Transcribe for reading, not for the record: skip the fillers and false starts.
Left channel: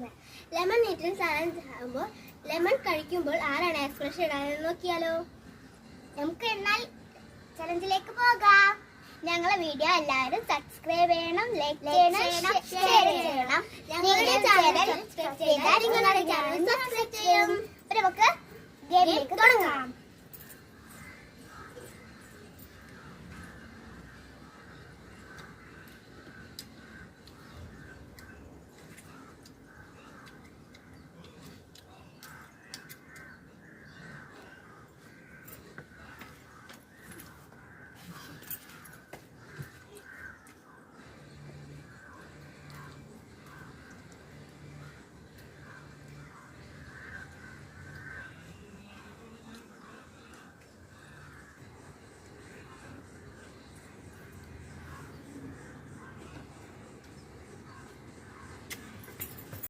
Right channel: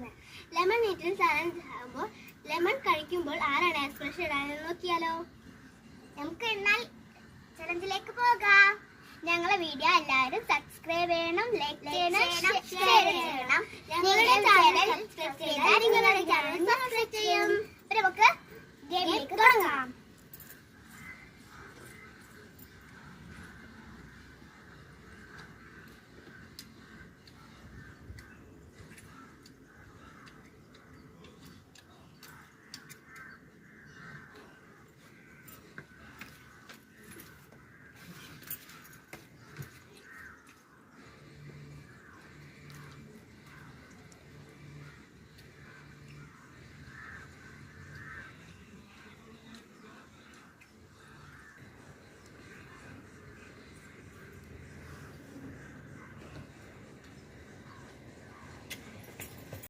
ഉണ്ടാക്കുന്നത്. Lemon eating challenge ആകുമ്പോൾ lemon കഴിക്കുമ്പോൾ ആരാണ് എക്സ്പ്രഷൻ ഇടാനെന്ന് നോക്കിയാലോ? നമുക്ക് എന്നാൽ ചലഞ്ചിലേക്ക് പോകാം. ഞങ്ങളെ വീഡിയോ എല്ലാവരും സബ്സ്ക്രൈബ് ചെയ്യണം, ലൈക്ക് ചെയ്യണം, ഷെയർ ചെയ്യണം. ഞങ്ങളുടെ ചാനൽ സബ്സ്ക്രൈബ് ചെയ്താൽ നിങ്ങളുടെ ചാനൽ സബ്സ്ക്രൈബ് ചെയ്യും. നമുക്ക് ഗെയിമിലേക്ക് തുടങ്ങാം.